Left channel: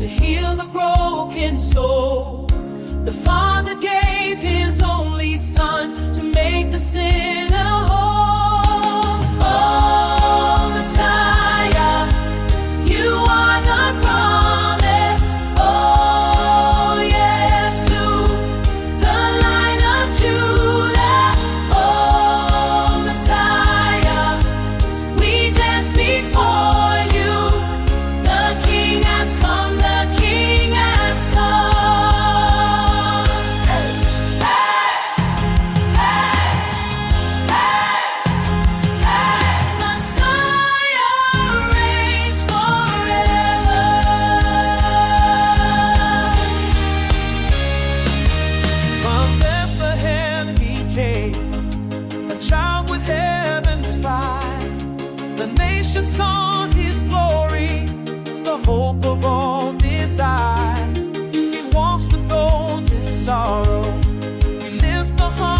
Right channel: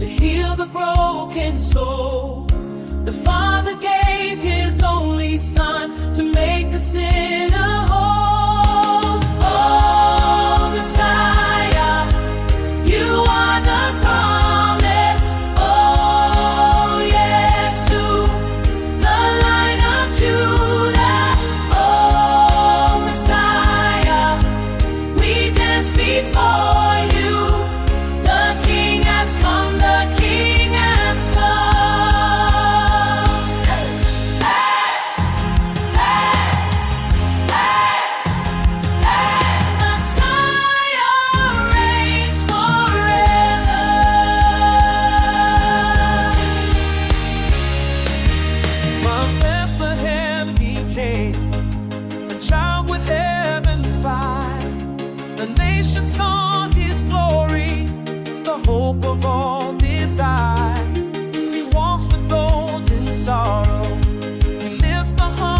to heal the broken soul. The Father gave His only Son to make the sinner whole. Oh, Messiah, you are the promise. Oh, Yesu, the Lion of Judah. Oh, Messiah, we dance before you. The King has come, the King has come. Hey, Messiah reigns forever. From Bethlehem He came, a child with heaven's fire. The nation saw His glory, the hope of all desire. He walks with those in sorrow, He lifts the heart